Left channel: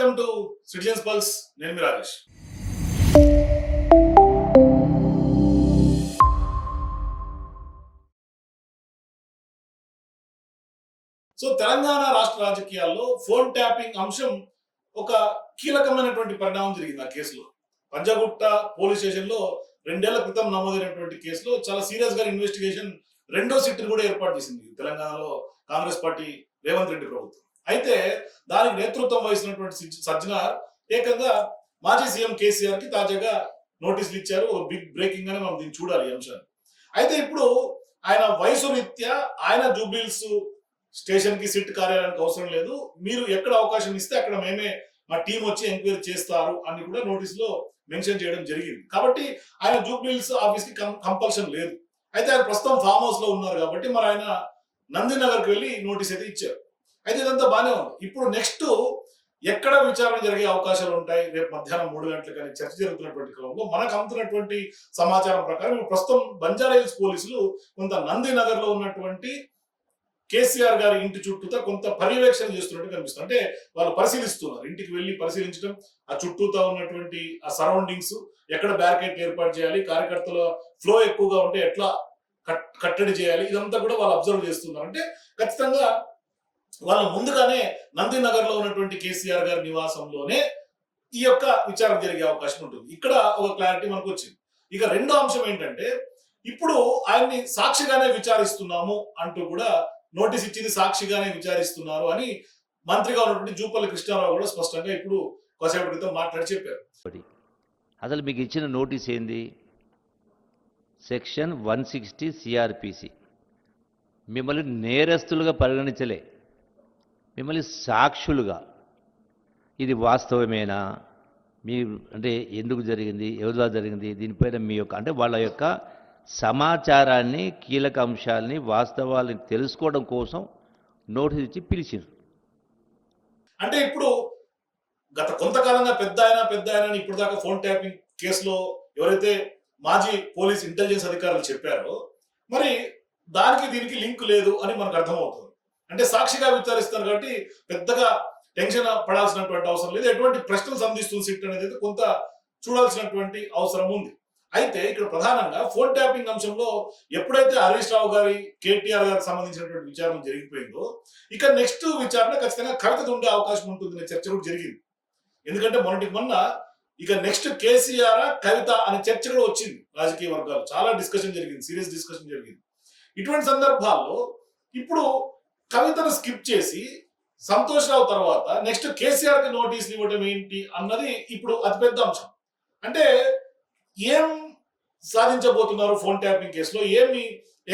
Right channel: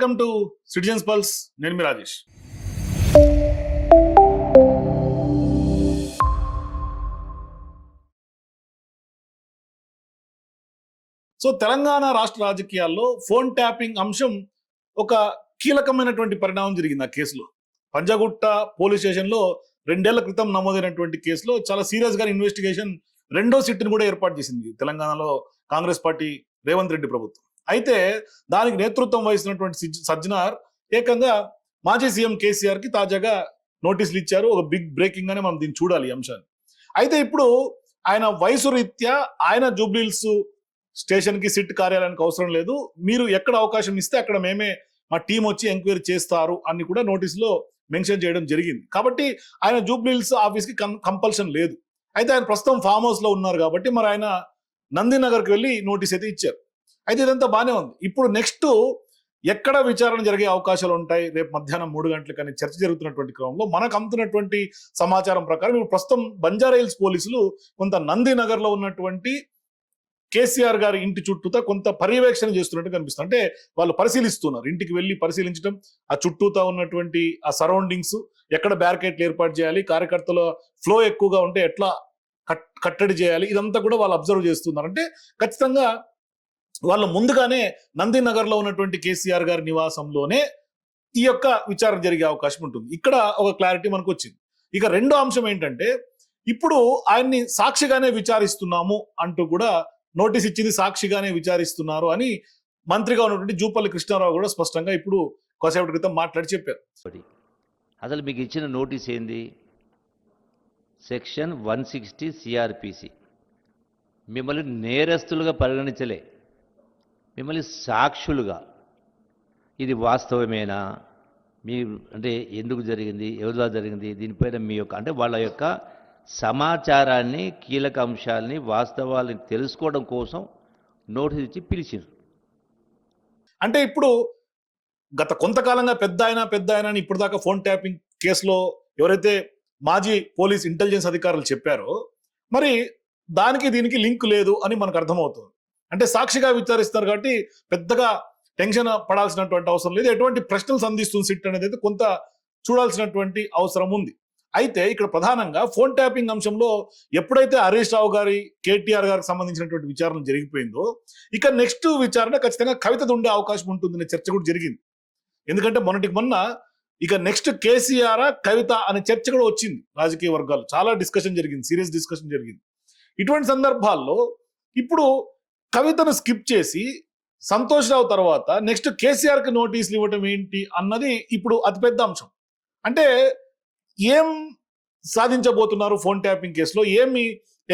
Welcome to citizens pulse. నేను మీ Rajesh. So Telangana రాష్ట్ర రాజకీయాల్లో ఫోన్ ట్యాపింగ్ అంశం ఒక కీలకమైనటువంటి పరిణామం జరిగింది. ఆ కేసులో పంజాగుట్ట పోలీస్ స్టేషన్ లో 2 ఏళ్ల క్రితం నమోదైనటువంటి కేసులో చాలా సీరియస్ గా ఇన్వెస్టిగేషన్ రెండో సిట్ని కూడా ఏర్పాటు చేసింది తెలంగాణలో కాంగ్రెస్ పార్టీ రేవంత్ రెడ్డి ప్రభుత్వం. అయితే దానికి నేతృత్వం వహిస్తున్నటువంటి సజ్జనార్ ఏకంగా మాజీ సీఎం కేసీఆర్ కి తాజాగా నోటీసులు ఇచ్చారు. బిగ్ బ్రేకింగ్ గానే మనం దీన్ని చూడాలి ఈ అంశాన్ని. అయితే ఇప్పుడు ఆయన వయసు రీత్యా ఆయన జూబ్లీహిల్స్ స్టేషన్ కి సిట్ కార్యాలయానికి అవసరం లేదు, మీరు ఎక్కడ అవకాశం ఇస్తే అక్కడ మేమే మా టీం వచ్చి ఎంక్వైరీ చేస్తారు అని కూడా నోటీసులో మెన్షన్ చేయడం జరిగింది. కాబట్టి ఆయన జూబ్లీహిల్స్ ఆఫీస్ కి కంపల్షన్ లేదు. అయితే ఆయన ప్రస్తుతం ఫామ్ హౌస్ లో ఉన్నారు కాబట్టి మరి ఆయన నందినగర్ కి వెళ్ళి నోటీస్ అయితే ఇచ్చారు. అయితే ఇదంతా బానే ఉంది. ఇప్పుడు నెక్స్ట్ ఎక్కడ విచారణ జరిగే అవకాశాలు ఉంటాయి రేపు మధ్యాహ్నం 3 గంటలకు అని చర్చ జరుగుతున్నటువంటి క్రమంలో మనకు అందుతున్నటువంటి సమాచారం ప్రకారం ఇప్పుడు ప్రస్తుతం బంజారాహిల్స్ పోలీసులు కొంత నందినగర్ లో ఉన్నటువంటి కేసీఆర్ గారి ఇంటి చుట్టూతా కొంత పర్యవేక్షణ చేస్తున్నట్టు కనిపిస్తుంది. అంటే వాళ్ళు పరిశీలిస్తున్నారు, ఇంటికి వెళ్లి పరిశీలించడం, ఆ చుట్టూతా ఉన్నటువంటి ఆ సరౌండింగ్స్, ఎక్కడ బ్యారికేడ్లు ఏర్పాటు చేయాలి, కార్యకర్తల ఫ్లో ఎక్కువగా ఉంటే ఎట్లా కట్టడి చేయాలి, ఇదంతా కూడా వాళ్ళు అబ్జర్వ్ చేస్తున్నారు. అంటే ఖచ్చితంగా వాళ్ళు ముందుగానే నందినగర్ లో ఉన్నటువంటి కేసీఆర్ గారి నివాసంలోనే ఈ యొక్క విచారణ జరిగే అవకాశం ఉంటుంది. ఇక్కడ ఒక క్లారిటీ మనకు వచ్చింది. ఇక రెండో అంశం ఏంటంటే ఇప్పుడు ఆయన్ని సాక్షిగానే విచారిస్తున్నాము అంటూ కూడా నోటీస్ ఇచ్చింది, సాక్షిగానే విచారిస్తున్నారు అని మంత్రిగా ఉన్నటువంటి జూపల్లి కృష్ణారావు కూడా స్పష్టంగా ఇప్పుడు కొద్దిసేపటి క్రితం మాట్లాడి చెప్పారు. అసలు మీకు ఇచ్చిన నోటీస్ ఏంది? సెక్షన్ 160 సిఆర్పిసి మిమ్మల్ని నేరస్తులుగా పరిగణించలే, మిమ్మల్ని సాక్షులుగా. ఇది వాస్తవమేనా, మీ అంటే ఎందుకు జరిగింది, ఎవరిలా జరిగింది, దీనిపైన మీ యొక్క అంటే వాళ్ళ యొక్క సమాచారాన్ని, కీలక అంశాలని, వాస్తవాలని తెలుసుకోవడం కోసం నోటీస్ ఇచ్చి పిలిచారు. అంటే ఇప్పుడు గత కొంతకాలంగా పెద్ద ఆయన ఇప్పుడు దాకా ఫోన్ ట్యాపింగ్ కేసులో ఎవరైతే మాజీ పోలీస్ ఇంటెలిజెన్స్ అధికారులు చెప్పారో మరి దానికి దీనికి లింక్ లేదు అని మనకు అర్థమవుతుంది. అంటే సాక్షిగా విచారిస్తారు కాబట్టి పెద్దగా టెన్షన్ పడాల్సినటువంటి అవసరం లేదు. ఎటువంటి ప్రశ్నలు సంధిస్తుంది సిట్ అనేది అయితే కొంత చూడాల్సినటువంటి అవసరం ఉంది. అయితే ఇక్కడ ప్రధానంగా ఫోన్ ట్యాపింగ్ అంశంలో ఎప్పుడైతే హరీష్ రావు గారి, కేటీఆర్ గారికి సంబంధించినటువంటి విచారణ జరిగిపోయిందో ఇక నెక్స్ట్ విచారణ ఖచ్చితంగా కవిత ఉండే అవకాశం ఉంటుందనే చర్చ కూడా జరిగింది. ఎందుకంటే మొన్న ఇక నెక్స్ట్ కేసీఆర్ కవిత అనే చర్చ కూడా వచ్చింది. రాజకీయ వర్గాలు చాలా డిస్కషన్ జరిగింది, సీరియస్ డిస్కషన్ జరిగింది. ఇటువంటి సందర్భాల్లో ఇప్పుడు కవితను స్కిప్ చేసి సంతోష్ రావు తర్వాత నెక్స్ట్ కేసీఆర్ కి నోటీసులు ఇవ్వడం ఏంటి అన్నది ఇప్పుడు అతిపెద్ద అంశం. అంటే ఏం సాధించబోతున్నారు ఫోన్ ట్యాపింగ్ కేసులో, ఏమి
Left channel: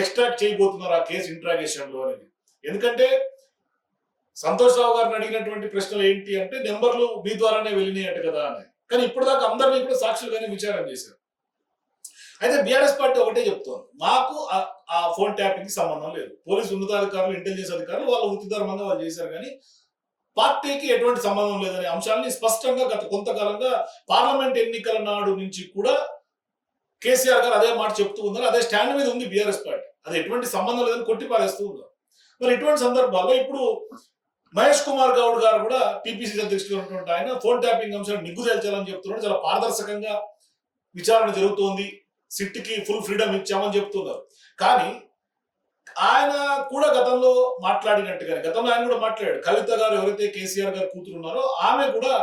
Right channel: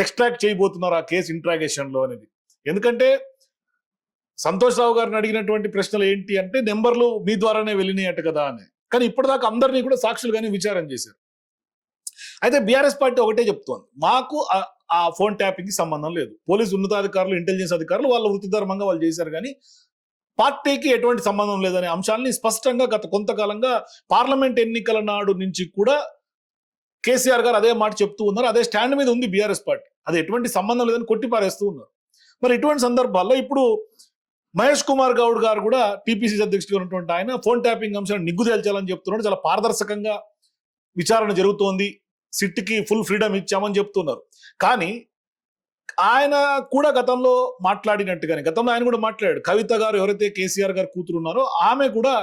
ఎక్స్ట్రాక్ట్ చేయబోతున్నారు ఆ కేసు ఇంట్రాగేషన్ లో అనేది. ఎందుకంటే సంతోష్ రావు గారిని అడిగినటువంటి ప్రశ్నలు ఏంటి అంటే నెంబర్లు మీ ద్వారానే వెళ్ళినాయట కదా అని. కానీ ఇప్పటిదాకా అందరినీ కూడా సాక్షులుగానే విచారణ చేశారు. అయితే బీఆర్ఎస్ పార్టీ ఒకటే చెప్తోంది, మాకు ఆ ఫోన్ ట్యాపింగ్ కి సంబంధం లేదు. పోలీసు ఉన్నతాధికారులు, ఇంటెలిజెన్స్ అధికారులు వాళ్ళ వృత్తి ధర్మంగా వాళ్ళు చేశారు, కానీ పార్టీకి ఎటువంటి సంబంధం లేదనే అంశాన్ని స్పష్టంగా గత కొంతకాలంగా పార్లమెంట్ ఎన్నికల నాడు నుంచి కూడా కేసీఆర్ గారు అదే మాట చెప్తూ ఉన్నారు. అదే స్టాండ్ మీద ఉంది బీఆర్ఎస్ పార్టీ. అది ఎటువంటి సంబంధం లేదని కొట్టిపారేస్తూ ఉన్నారు. మరి ఇటువంటి సందర్భాల్లో ఇప్పుడు మహేష్ కుమార్ గౌడ్ గారు కూడా టీపీసీ అధ్యక్షుడు ఉన్నటువంటి ఆయన ఫోన్ ట్యాపింగ్ అంశాన్ని నిగ్గు తేల్చాలని చెప్తున్నాడు. చాలా పారదర్శకంగా విచారణ జరుగుతోంది, సిట్ కి ఫుల్ ఫ్రీడమ్ ఇచ్చామని చెప్తున్నారు. కానీ ఆయన కూడా గతంలో మాట్లాడినట్టుగానే గతంలో ఆయన కూడా మాట్లాడాడు. కవిత గారు ఎవరైతే కేసీఆర్ గారు కూతురు ఉన్నారో ఆమె కూడా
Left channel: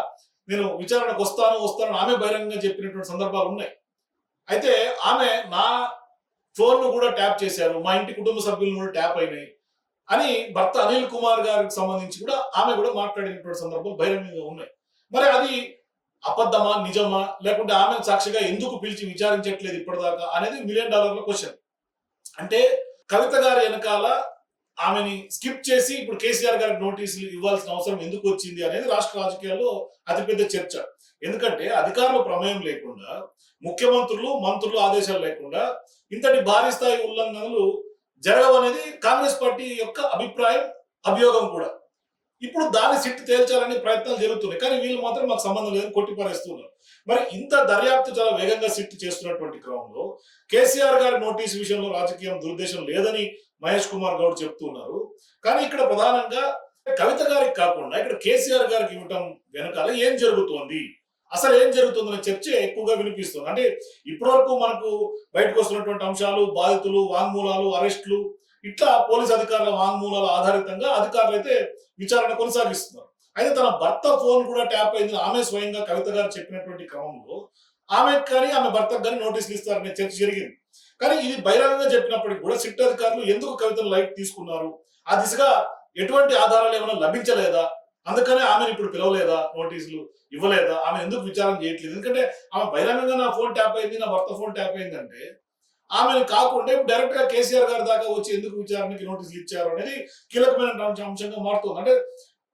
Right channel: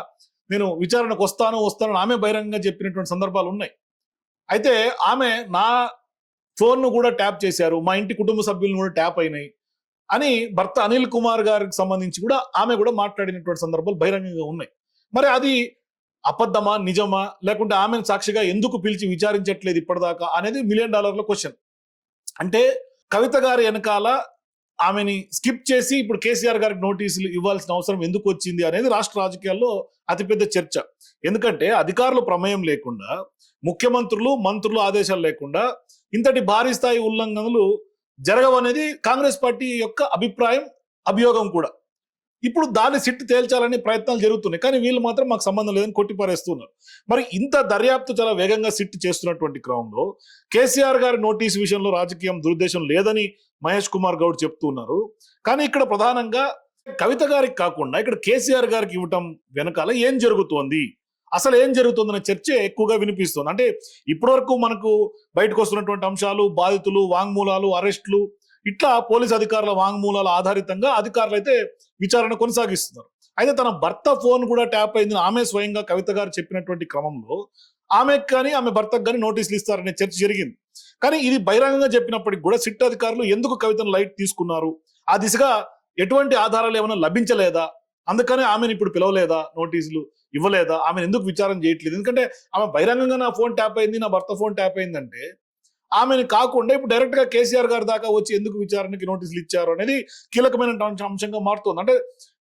నేను విచారణకు వస్తాను ఆమె బహిరంగంగా చెప్పినటువంటి సందర్భాలు ఉన్నాయి. అయితే ఆమె నా ఫోన్ ను కూడా ట్యాప్ చేశారు, మా ఇంటి కుటుంబ సభ్యులను కూడా ట్యాప్ అయినాయి అని భర్త అనిల్ కుమార్ గారికి సంబంధించి కూడా ఆమె కూడా మాట్లాడినటువంటి సందర్భాలు బహిరంగంగా ఉన్నాయి. మరి అది అబద్ధమా, నిజమా, లేకుంటే ఆమె సాక్షిగా ఎందుకు పిలిచి విచారించట్లేదు ఇప్పటిదాకా అనేది $1 మిలియన్ క్వశ్చన్. అంటే కవిత గారి వెనకాల ఆమెని స్కిప్ చేసి ఇప్పుడు కేసీఆర్ గారికి నోటీసులు ఇవ్వాల్సిన అవసరం ఎందుకు వచ్చింది అనేది రాష్ట్ర రాజకీయాల్లో అతిపెద్ద చర్చ. ఎందుకంటే అధికారుల ప్రమేయం లేకుండా, ముఖ్యమంత్రులు, మంత్రులు ఆదేశాలు లేకుండా ఇంతటి భారీ స్థాయి ఉల్లంఘనలు జరగవనేది కాంగ్రెస్ పార్టీ యొక్క అభిప్రాయం, అభియోగం కూడా. ఇప్పుడు దాన్ని సిట్ తేల్చాలనే ప్రయత్నాలు జరుగుతున్నాయి, కానీ వీళ్ళు మాత్రం మాకు సంబంధం లేదని కొట్టిపారేస్తున్నారు. మరి ఇంత దర్యాప్తు చాలా వేగంగా సిట్ చేస్తున్నటువంటి క్రమంలో కేసీఆర్ గారి నోటీసు విషయంలో రాజకీయం దురుద్దేశం లేదని మహేష్ కుమార్ గౌడ్ చెప్తున్నారు. కానీ ఇక్కడ ప్రధానంగా కవిత గారికి కాకుండా ఇక్కడ కేసీఆర్ గారికి ఇవ్వటం వెనకాల ఏం జరుగుతోంది, అసలు ఏం జరుగుతుందనే చర్చ ఎక్కువగా వినిపిస్తుంది. అంటే ఇప్పటివరకు మనకు బయటకు వస్తున్నటువంటి అంశాలు, బాధితులు, వాంగ్మూలాలు, అరెస్టులు, ఇట్లా పోలీస్ అధికారుల వాంగ్మూలాల ఆధారితంగా అధికారులు అయితే విచారణ కొనసాగిస్తున్నారు. అయితే తన భర్త ఫోన్ కూడా ట్యాప్ అయింది ఆమె స్వయంగా కవిత గారు చెప్పినటువంటి క్రమంలో ఆమెకు కానీ ఆమె భర్తకు కానీ నోటీసులు ఇస్తారనే చర్చ జరిగింది. కానీ ఇది బహిరంగంగా చెప్పినప్పటికీ కూడా సిట్ అధికారులు ఎందుకు కవితను లైట్ తీసుకున్నారు, ఆ దిశగా ఎటువంటి ఆధారాలు ఏమైనా లభించలేదా, అందుకనే ఆమెను ఇప్పుడు పిలవలేదా, నోటీసులు ఇవ్వలేదా, ఆమె ఎందుకు విచారణ చేయట్లేదు? ఎందుకంటే ఆమె బహిరంగంగా నా ఫోన్ ట్యాప్ అయింది, నా భర్త ఫోన్ ట్యాప్ అయింది అంటే ఆమెను కాకుండా ఇప్పుడు డైరెక్ట్ గా కేసీఆర్ గారి దాకా వచ్చి ఎందుకు విచారణకి నోటీసులు ఇచ్చారు అనేది కీలకమైన అంశంగా మారుతుంది. అంటే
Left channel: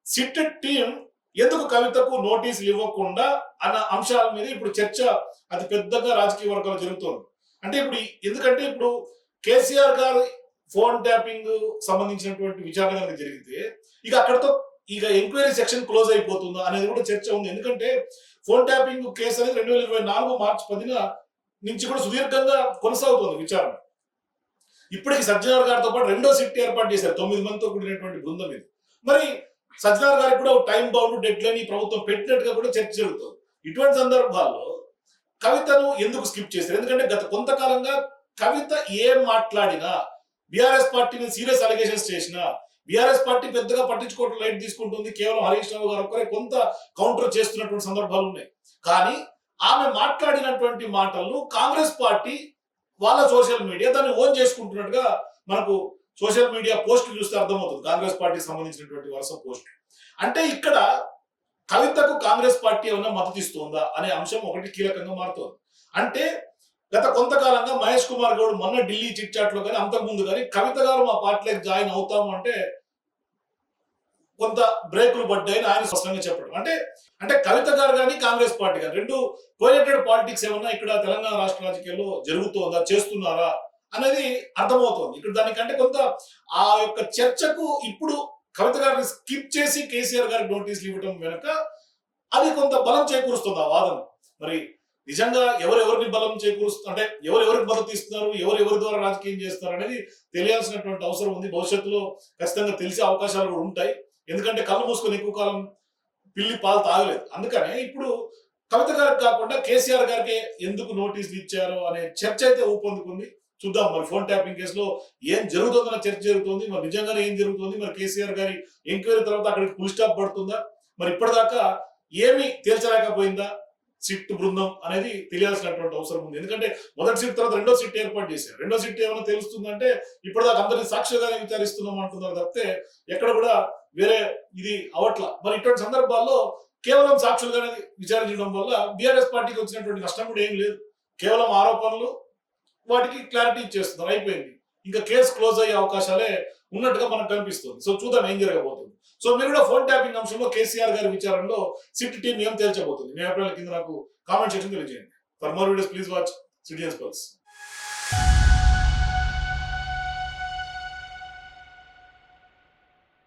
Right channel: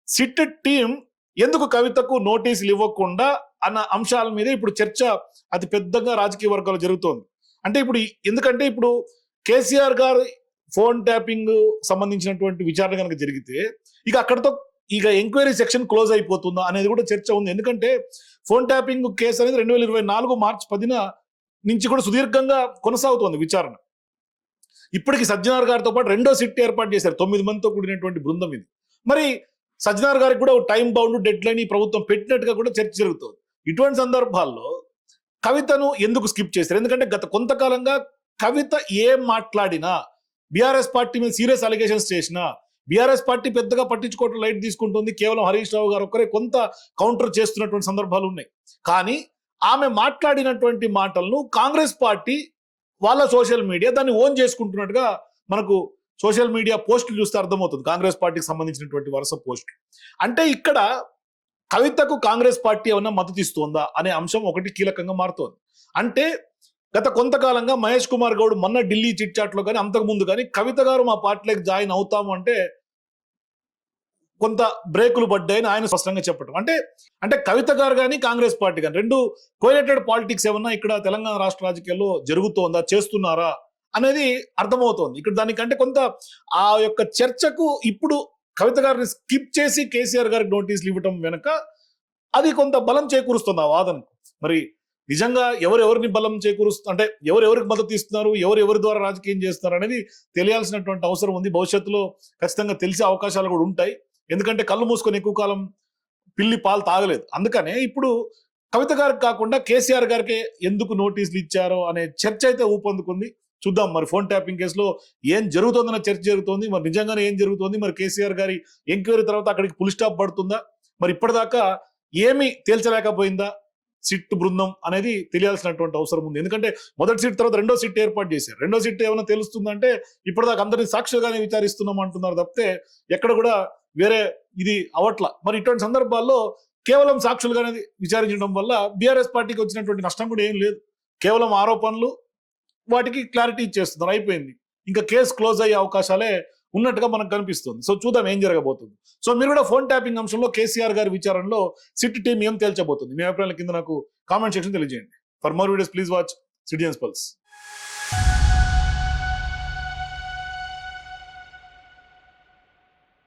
సిట్ టీం ఎందుకు కవితకు నోటీసులు ఇవ్వకుండా అన్న అంశాల మీద ఇప్పుడు చర్చ అతి పెద్దగా రాజకీయ వర్గాలు జరుగుతోంది. అంటే ఇప్పుడు ఎందుకంటే ఇప్పుడు కేసీఆర్ గారి ఫోన్ ట్యాపింగ్ సంబంధించినటువంటి విచారణ కనుక జరిగితే ఇక అక్కడతో ఇక ఎంక్వైరీ సెక్షన్ క్లోజ్ అయిపోతుందా అనేది కూడా చర్చ ఉంది. ఎందుకంటే ఫోన్ ట్యాపింగ్ కేసు అనేది 2024 మార్చి 10 నుంచి కూడా సుదీర్ఘంగా కొనసాగుతోంది విచారణ. ఇప్పటికి సజ్జనార్ గారితో పాటు రెండో సిట్ ఏర్పాటు చేశారు 9 మందితో కూడినటువంటి బృందం ఇది. మరి సజ్జనార్ గారికి కూడా టైం బౌండ్ డెడ్ లైన్ ఈ ప్రభుత్వం పెట్టినట్టుగా కూడా చర్చ జరుగుతుంది. ఇటువంటి సందర్భాల్లో కవితను ఎందుకు స్కిప్ చేశారు? ఎందుకంటే గత కొంతకాలంగా కవిత ఏం మాట్లాడినా, బీఆర్ఎస్ పార్టీ మీద సీరియస్ అలిగేషన్స్ చేసినా బీఆర్ఎస్ పార్టీ పెద్దగా పట్టించుకోవడం లైట్ తీసుకుంటుంది. కేవలం హరీష్ రావు గారు ఒకరే కొంత కౌంటర్ చేస్తున్నటువంటి సందర్భాలు ఉన్నాయి. కానీ ఆమె మాట్లాడినటువంటి మాటలను కాంగ్రెస్ పార్టీ వాళ్ళ సోషల్ మీడియా దాన్ని ఓన్ చేసుకుంటున్నట్టుగా మనకు సోషల్ మీడియా పోస్టులు చూస్తే అర్థమవుతుంది. కాంగ్రెస్ పార్టీకి సంబంధించినటువంటి వరుస పోస్టులు. అంటే ఇక్కడ కవితకు కాంగ్రెస్ పార్టీ ఏమన్నా మద్దతు ఇస్తుందా అనే అంశం ఒకటి కీలకంగా మారుతోంది. అంటే గత కొంతకాలంగా మహేష్ కుమార్ గౌడ్ మొన్న ఢిల్లీ చిట్ చాట్ లో కానీ అంతకు ముందు కానీ కవిత గారు మా పార్టీలోకి జాయిన్ అవుతాము అంటే కొంత బ్రేకులు పడ్డాయని ఆయన స్పష్టంగా చెప్పడం. అంటే కవిత గారు కానీ కాంగ్రెస్ పార్టీ కానీ రెండు కోయలెటెడ్ పాలిటిక్స్ ఏమన్నా ఇక్కడ తెలంగాణ రాష్ట్ర రాజకీయాల్లో జరుగుతోందా, చేస్తున్నారా అనేది అర్థమవుతోంది. ఇక్కడ దానికంటే కొంత ఆ యొక్క చర్చకు ఇప్పుడు కవిత గారిని స్కిప్ చేసి కేసీఆర్ గారికి నోటీసులు ఇవ్వడం వెనక అది కొంత బలం చేకూరుస్తుంది ఆ వాదన. మరి నిజంగా ఎవరెవరిని బలం చేకూరుస్తుంది, అంటే ఎవరెవరికి మద్దతు ఇస్తున్నారు, ఎవరెవరి ద్వారా రాజకీయం చేస్తున్నారు అనేది తెలియాల్సినటువంటి అవసరం ఉంది. భవిష్యత్తులో ఖచ్చితంగా తెలిసే అవకాశాలు కూడా ఉంటాయి. ఎందుకంటే కళ్ళు మూసుకొని ఎక్కువ కాలం పిల్లి పాలు తాగలేదు. అందుకనే ఇప్పుడు కవిత గారికి కాకుండా కేసీఆర్ గారికి ఎందుకు నోటీసులు ఇచ్చారో అనే చర్చ అయితే ఊపందుకుంది. చూద్దాం మరి ఫోన్ ట్యాపింగ్ కేసులో ఏం జరుగుతుందన్న చర్చ జరుగుతుంది. మరి నిజంగానే ఏం జరుగుతుంది, మరి కేసీఆర్ గారి ఎంక్వైరీ తర్వాత అక్కడికి ఫుల్ స్టాప్ పడుతుందా, మరి ఇప్పటిదాకా ఏమి తేల్చలేకపోయిందా సిట్ బృందం అనేది తెలియాల్సినటువంటి అవసరం ఉంది. ఎందుకంటే మొదటి సిట్ తర్వాత రెండో సిట్ ఏర్పాటు చేశారు. రెండో సిట్ ఏమైనా తెలుస్తుందంటే ఇప్పటిదాకా అందరినీ సాక్షిగానే విచారిస్తున్నాం అంటున్నారు తప్పితే ఎక్కడ కూడా వేరే ఇది అవట్ల. మరి ఇటువంటి సందర్భాల్లో కేవలం సాక్షులుగానే విచారించడం వల్ల బీఆర్ఎస్ పార్టీకి వచ్చినటువంటి నష్టం కూడా ఏం లేదు. కేవలం ఆరోపణలు, వాటికి క్లారిటీ ఇచ్చేస్తున్నారు, అయిపోయింది. ఇంకా కేసు క్లోజ్ అయ్యే అవకాశాలే ఉన్నట్టుగా మనకు కనిపిస్తుంది. సో చూద్దాం ఏం జరగబోతుంది. సో మీరు కూడా ఫోన్ ట్యాపింగ్ అంశంలో కేసీఆర్ గారి విచారణలో సిట్ టీం ఏం తేల్చబోతుంది, మీ అభిప్రాయాల కింద నాకు కామెంట్ సెక్షన్ తెలియజేయండి. For more videos please watch citizens pulse.